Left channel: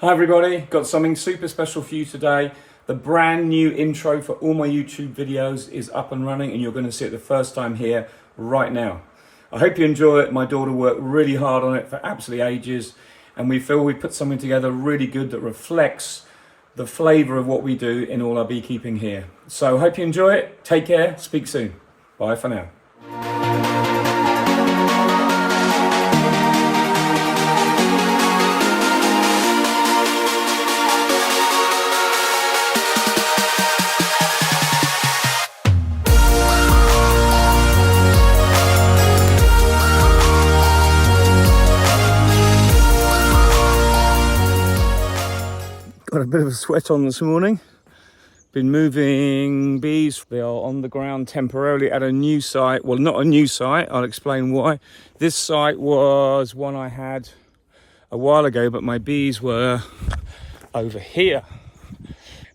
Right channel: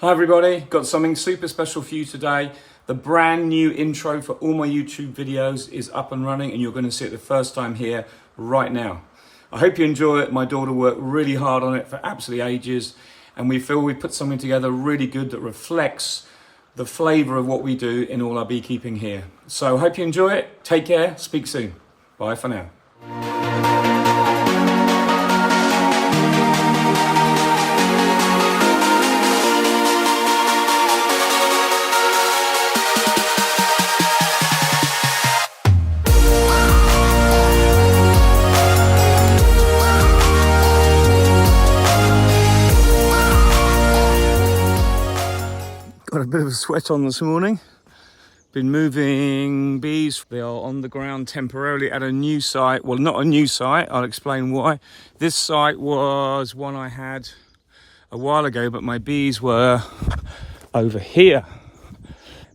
Hi everybody, got something super special for you today. The brand new intro for all my YouTube videos is up and running and you're going to see it the first time here right now. I hope you enjoy it. My daughter worked really hard on it for absolutely ages and we feel we put something together really good that reflects the flavour of what we do in all our beekeeping here. So hope you enjoy it. Take care. Speak soon. Bye for now. Got a bit of a sweat on this morning. Been moving bees. They are on the ground temporarily at a new site. Well, not a new site. I'll explain why. This site was one I had a while ago, but my bees were over here.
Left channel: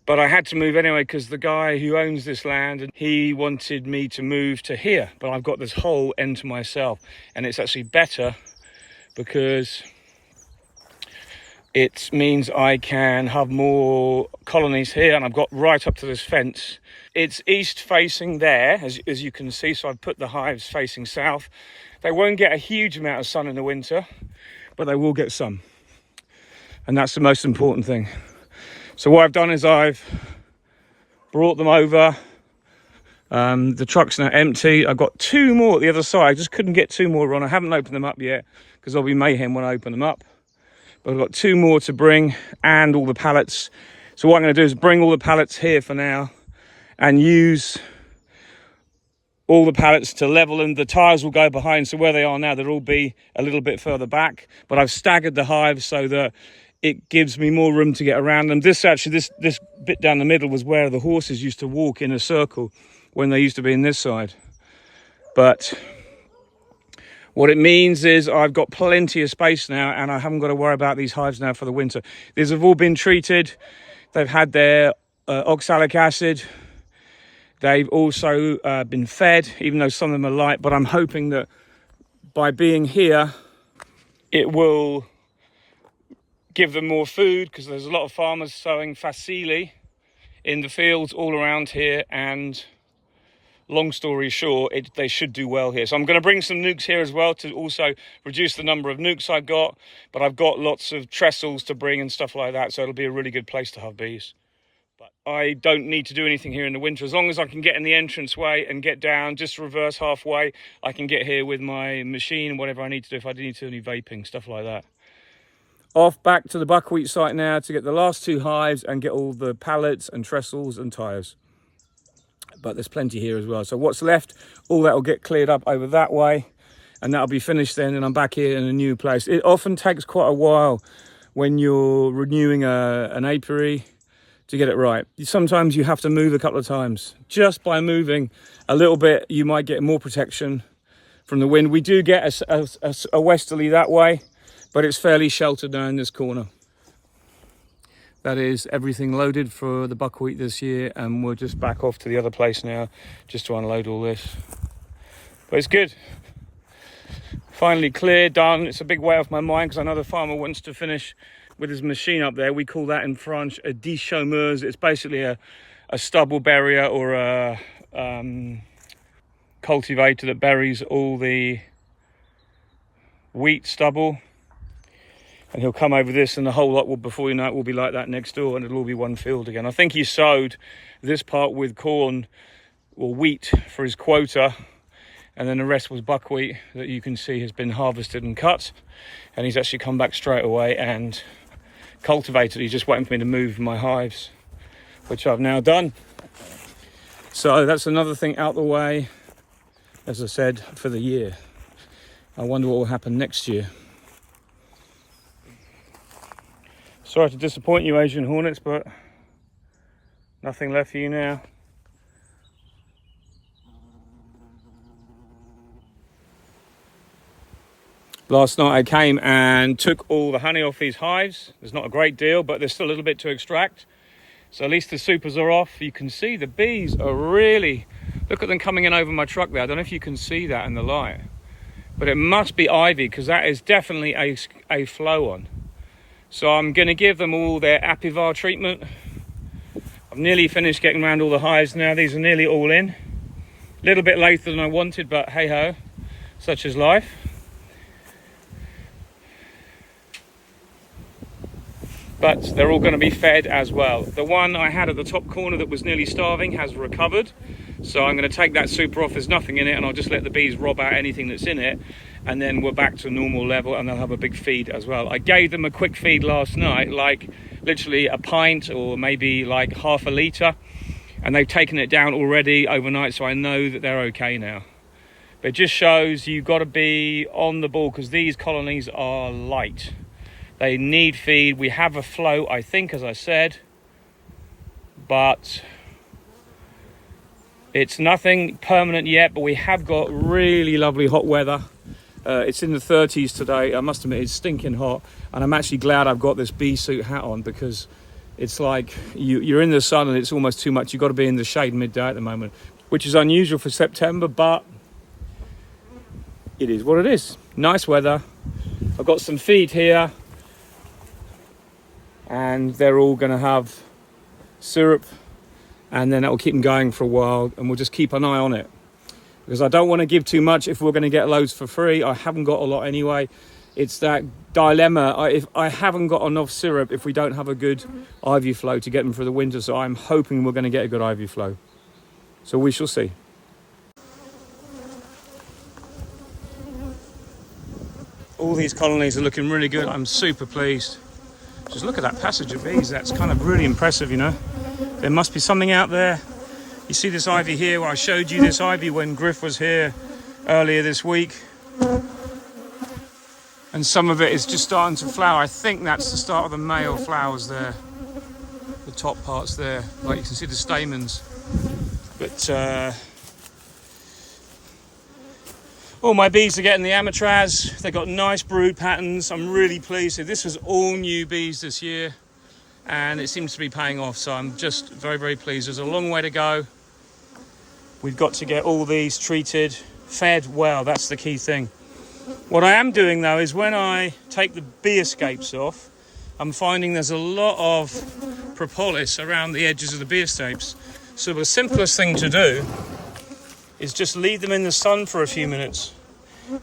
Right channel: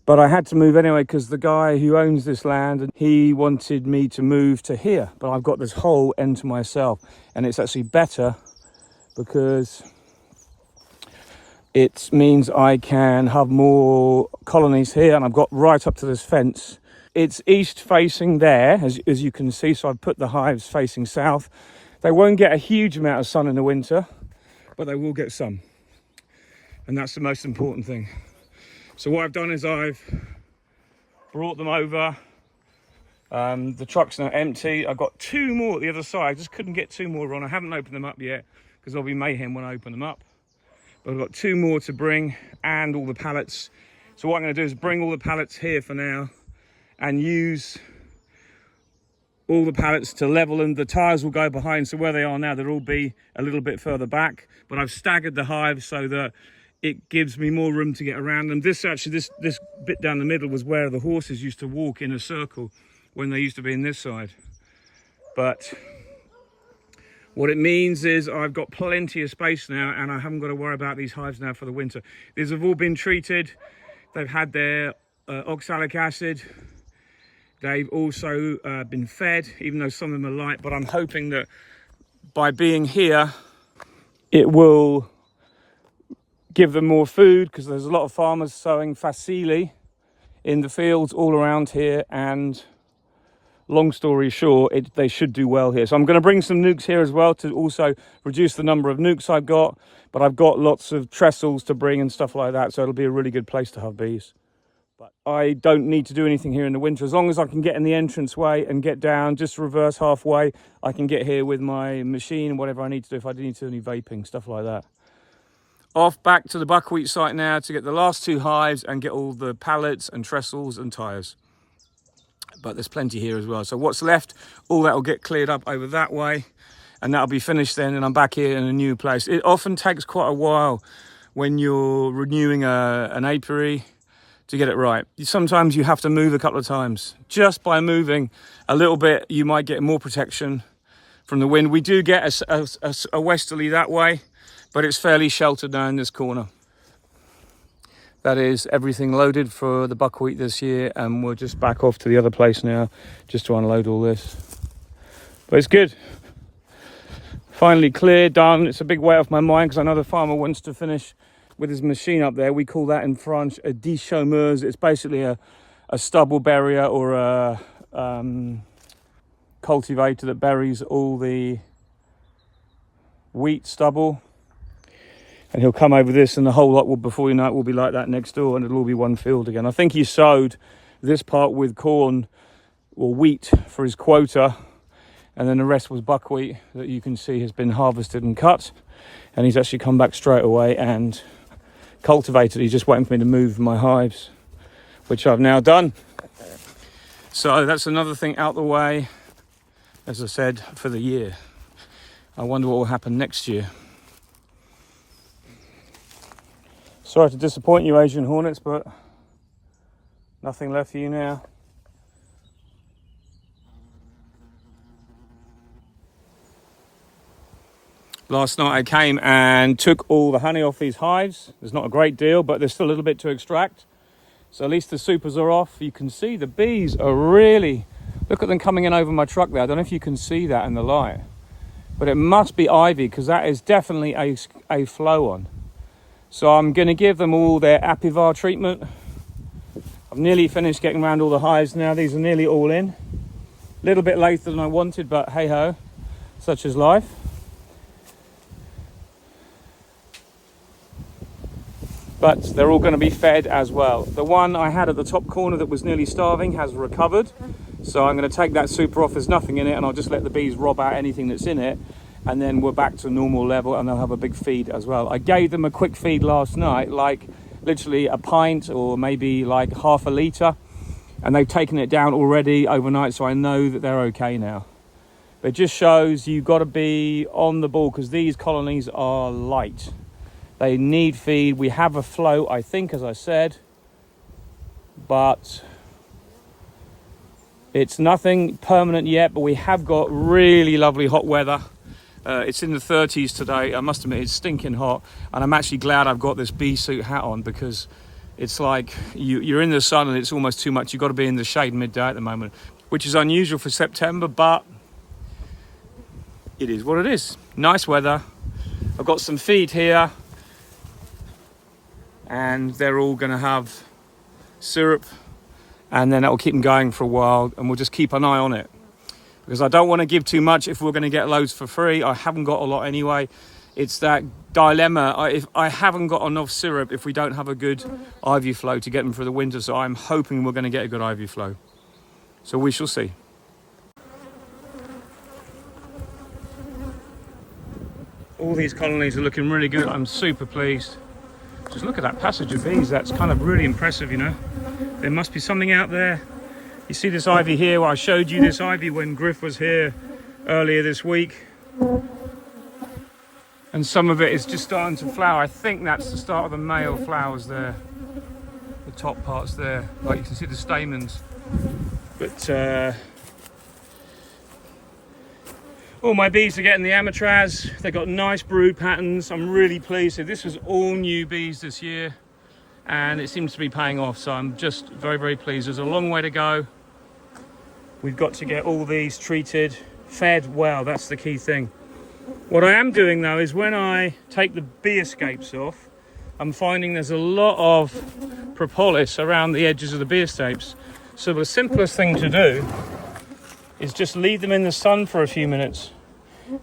But I had to move anyway because the guy who owns this land, he wanted me to move to here. But I've got this whole end to myself. And it's actually better because it means I can have more colonies here, and I've got right up to this fence. It's east facing there, as you can see, so I've put the hives facing south. They won't get a huge amount of sun in the winter, but they will get some. And that's the most important thing. So what I've done is I've brought them over. The truck's now empty. I've got two more at the other side. I just couldn't get two more on. I haven't opened them up yet because there'll be mayhem when I open them up. But I've got two more to bring and all the pallets. So what I'm going to do is bring all the pallets here for now and use all the pallets to level them. The tires will go behind, so where they are now, they'll all be a little bit further back. But I've staggered the hives so that it gives me more room to get around them. This bit down the middle was where the horses used to walk in a circle when they used to be in this side. But what it means is I've got plenty of space now and I haven't got to worry about these hives now for the winter. These have all been treated. They've had their oxalic acid. They've also been fed, even though some of them are light. But I'm hoping that by being here, it will give them more food because there's a lot of farmers sowing facile in the fields all around here, and long story short, they should do well here. So I'm going to bring some nukes here as well to also reduce the number of nukes I've got. But I've got lots of trestles to bring and stuff like that. So it'll be a really good place to have bees. But I don't need to do anything here in the winter. As long as I can get in the entranceway and get down, just reverse halfway, I can get here with my machine and whatever I need to do. If I need to do any vaping, stuff like that. Off back to the buckwheat site now to get the last two hives and get all the pallets and trestles and tires. But there's plenty here as well. So what's left, all that will get cleared up over that way and that'll be finished then, and I'm back here in a new place. It often takes quite a while when you're renewing an apiary to get it right. Sometimes you have to move a couple of times. Just by moving a little bit, you might get more protection from the wind. We do get a westerly that way, but it's fairly sheltered now in this corner. That is everything loaded for the buckwheat this year, and we're just back off to the other place now just to unload all this. But it's good. Finally cleared, done. It's a big weight off my mind because I know the farmer wants to finish with his machine up there. We call that in French a déchaumeuse. It's basically a stubble barrier or a cultivator that buries all the wheat stubble. And he'll come over this and the whole lot will, before you know it, will be like that next door and it'll all be one field again. I think he sowed this part with corn or wheat for his quota, and then the rest was buckwheat that you can see has been harvested and cut. And he's actually come back straight away and cultivated. He's just waiting for me to move my hives, which I've now done. So that's another thing out the way, as I said, for the year. I wonder what will happen next year. Sorry to disappoint you, Asian hornets, but nothing left for you now. Last night I came and took all the honey off these hives. There's not a great deal, but there's still a little bit to extract. So at least the supers are off. You can see the bees are really, look at them coming in over my truck there. I don't know if you can see that in the light, but it must be ivy because that is definitely a flow on. So I'm going to give them all their Apivar treatment. I've nearly finished getting around all the hives now. These are nearly all in. A little bit later than I wanted, but hey ho, such is life. But they're all going to be fed as well. The one I had at the top corner that was nearly starving has recovered. So I'm going to take that super off, there's nothing in it, and I'll just let the bees rob out anything that's in it. And then we're back to normal level and they'll have a big feed as well. I gave them a quick feed last night, like literally a pint or maybe like half a litre. And they've taken it down already overnight, so I know that they're okay now. But it just shows you've got to be on the ball because these colonies are light. They need feed. We have a float, I think, as I said, but it's nothing permanent yet. But we have got really lovely hot weather. It's in the 30s today. I must admit, it's stinking hot, and I'm actually glad I've got this bee suit hat on because it's like you're in the sun and it's almost too much. You've got to be in the shade midday at the moment, which is unusual for September, but it is what it is. Nice weather. I've got some feed here, and they're all going to have syrup, and then that will keep them going for a while, and we'll just keep an eye on it because I don't want to give too much if we're going to get loads for free. I haven't got a lot anyway. It's that dilemma. If I haven't got enough syrup, if we don't have a good ivy flow to get them for the winter, so I'm hoping we're going to get a good ivy flow. So we shall see. All these colonies are looking really good. I'm super pleased. Just look at that passage of bees. That's kind of really impressive, you know. There must be something out there. You see this ivy here? Well, I showed you this ivy when Griff was here earlier this week. And some of it is just starting to flower. I think that's the start of the male flowers there. The top parts there. Like you can see the stamens. But all my bees are getting the amatraz. They've got nice brood patterns. I'm really pleased. So this was all new bees this year, and it seems to be paying off. So I'm just very, very pleased. There's a long way to go. We've got to get all these treated, fed well. That's the key thing. What I am doing though is when I take the bee escapes off, I'm finding there's a lot of propolis around the edges of the bee escapes. So the simplest thing to do is just leave them in the sun for a few minutes.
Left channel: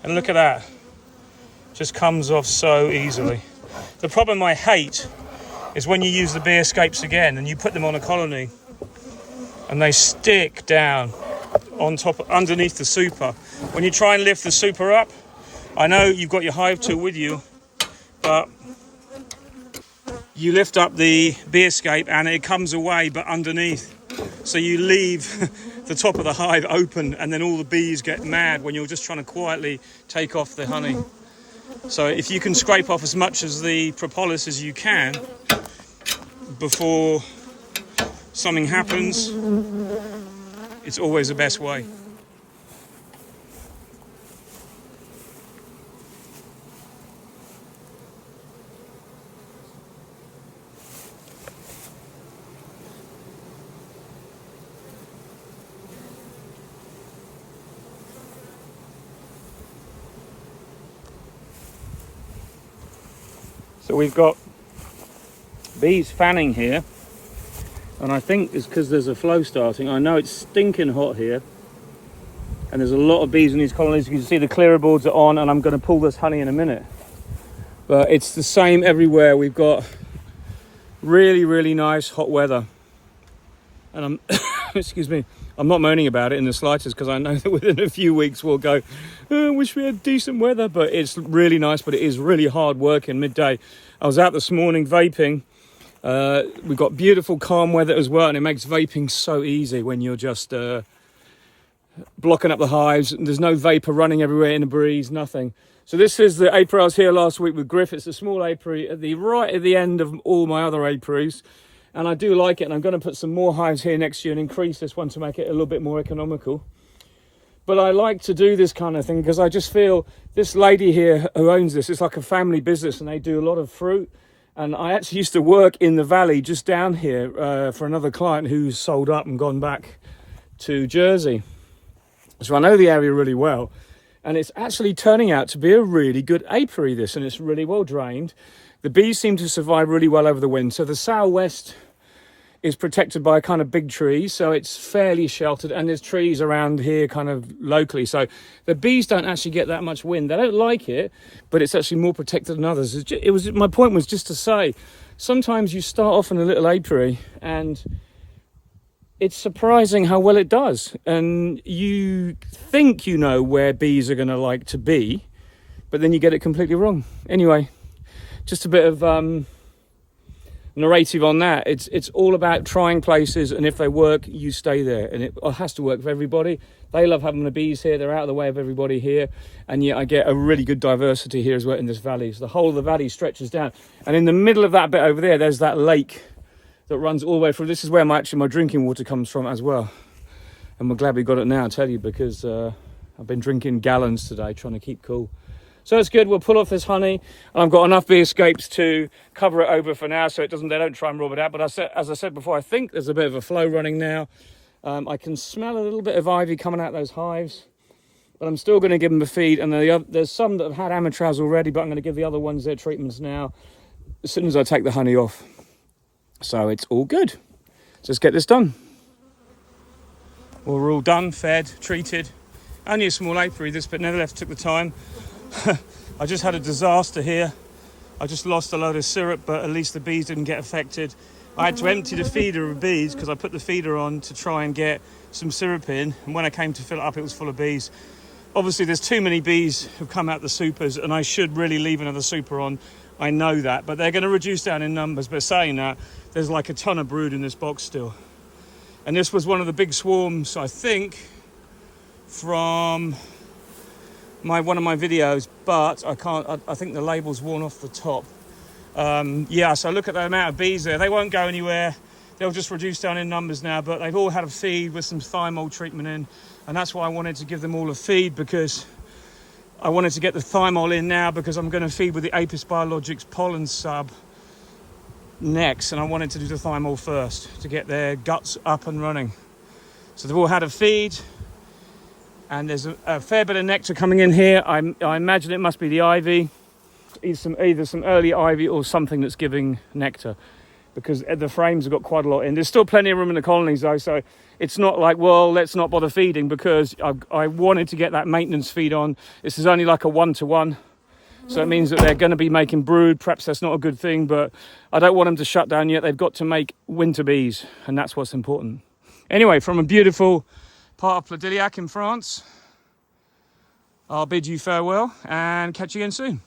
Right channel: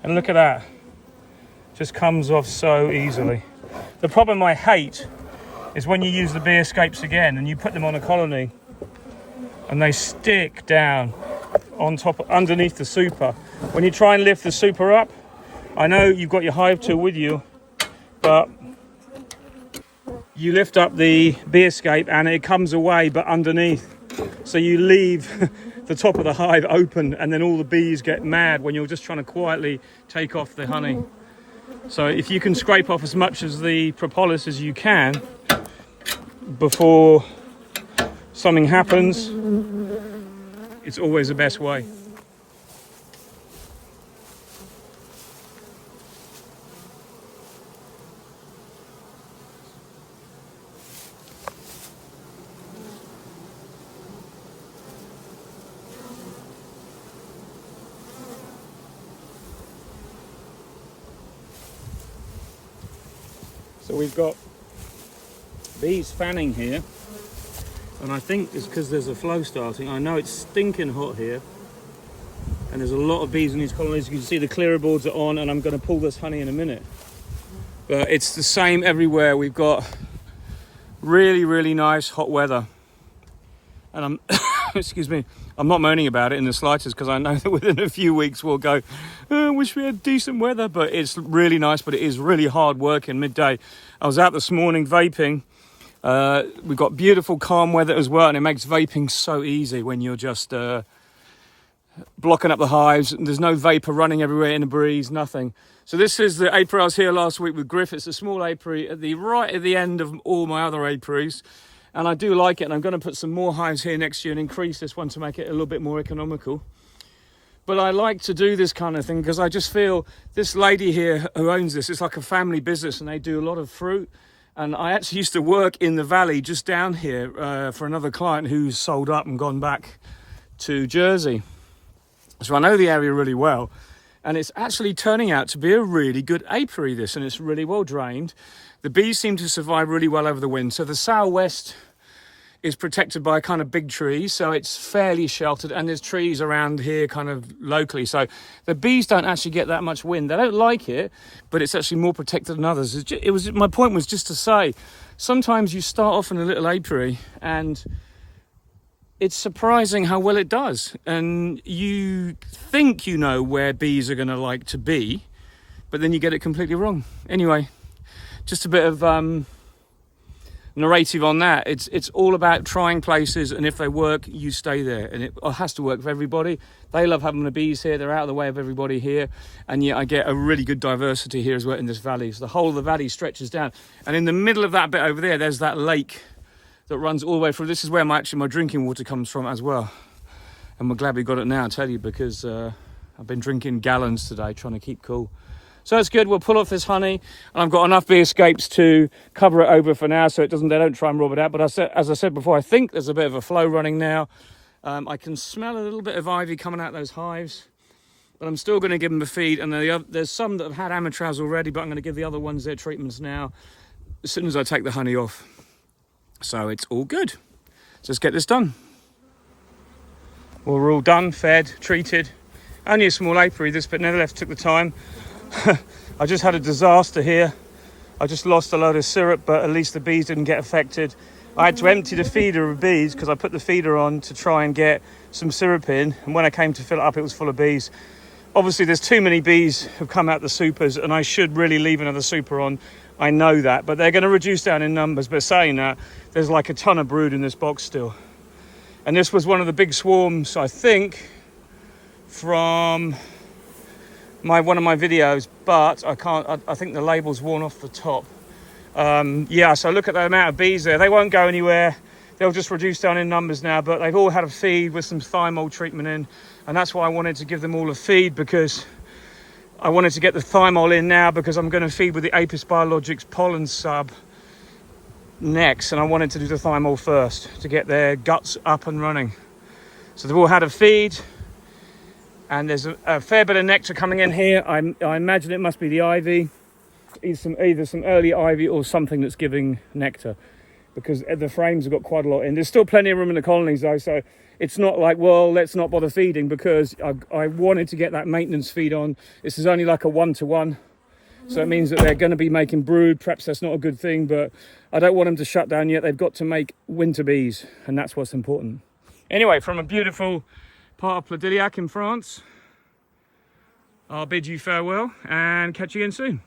And look at that. Just comes off so easily. The problem I hate is when you use the bee escapes again and you put them on a colony and they stick down on top, underneath the super. When you try and lift the super up, I know you've got your hive tool with you, but you lift up the bee escape and it comes away but underneath. So you leave the top of the hive open and then all the bees get mad when you're just trying to quietly take off the honey. So if you can scrape off as much as the propolis as you can before something happens, it's always the best way. So we've got bees fanning here, and I think it's because there's a flow starting. I know it's stinking hot here, and there's a lot of bees in these colonies. You can see the clearer boards are on, and I'm going to pull this honey in a minute. But it's the same everywhere. We've got really, really nice hot weather. And I'm, excuse me, I'm not moaning about it in the slightest because I know that within a few weeks we'll go, I wish we had decent weather, but it's really nice, but it is really hard work in midday. I was out this morning vaping. We've got beautiful calm weather as well, and it makes vaping so easy when you're just blocking up the hives. There's no vapor running everywhere in the breeze, nothing. So this is the apiary I was here last week with Griff. It's a small apiary right at the end of all my other apiaries. And I do like it, and I'm going to put some more hives here next year and increase this one to make it a little bit more economical. But I like to do this kind of thing because I just feel this lady here who owns this, it's like a family business, and they do a lot of fruit. And I actually used to work in the valley just down here for another client who's sold up and gone back to Jersey. So I know the area really well. And it's actually turning out to be a really good apiary, this, and it's really well drained. The bees seem to survive really well over the wind. So the southwest is protected by a kind of big tree, so it's fairly sheltered, and there's trees around here kind of locally. So the bees don't actually get that much wind. They don't like it, but it's actually more protected than others. My point was just to say, sometimes you start off in a little apiary and it's surprising how well it does. And you think you know where bees are going to like to be, but then you get it completely wrong. Anyway, just a bit of narrative on that. It's all about trying places, and if they work, you stay there. And it has to work for everybody. They love having the bees here. They're out of the way of everybody here. And yet I get a really good diversity here as well in this valley. So the whole of the valley stretches down. And in the middle of that bit over there, there's that lake that runs all the way through. This is where my drinking water comes from as well. And we're glad we got it now, I tell you, because I've been drinking gallons today, trying to keep cool. So it's good. We'll pull off this honey, and I've got enough bee escapes to cover it over for now, so they don't try and rob it out. But as I said before, I think there's a bit of a flow running now. I can smell a little bit of ivy coming out those hives, but I'm still going to give them a feed. And there's some that have had amatraz already, but I'm going to give the other ones their treatments now as soon as I take the honey off. So it's all good. Just get this done. Well, we're all done, fed, treated. Only a small apiary, this, but nevertheless took the time. I just had a disaster here. I just lost a load of syrup, but at least the bees didn't get affected. I had to empty the feeder of bees because I put the feeder on to try and get some syrup in, and when I came to fill it up, it was full of bees. Obviously there's too many bees who've come out the supers, and I should really leave another super on. I know that, but they're going to reduce down in numbers. But saying that, there's like a ton of brood in this box still. And this was one of the big swarms, I think, from one of my videos, but I think the label's worn off the top. Yeah, so look at the amount of bees there. They won't go anywhere. They'll just reduce down in numbers now, but they've all had a feed with some thymol treatment in, and that's why I wanted to give them all a feed, because I wanted to get the thymol in now, because I'm going to feed with the Apis Biologics pollen sub next, and I wanted to do the thymol first to get their guts up and running. So they've all had a feed, and there's a fair bit of nectar coming in here. I imagine it must be the ivy, either some early ivy or something that's giving nectar, because the frames have got quite a lot in. There's still plenty of room in the colonies though, so it's not like, well, let's not bother feeding, because I wanted to get that maintenance feed on. This is only like a 1-to-1. So it means that they're going to be making brood. Perhaps that's not a good thing, but I don't want them to shut down yet. They've got to make winter bees, and that's what's important. Anyway, from a beautiful part of Pladilliac in France, I'll bid you farewell and catch you again soon.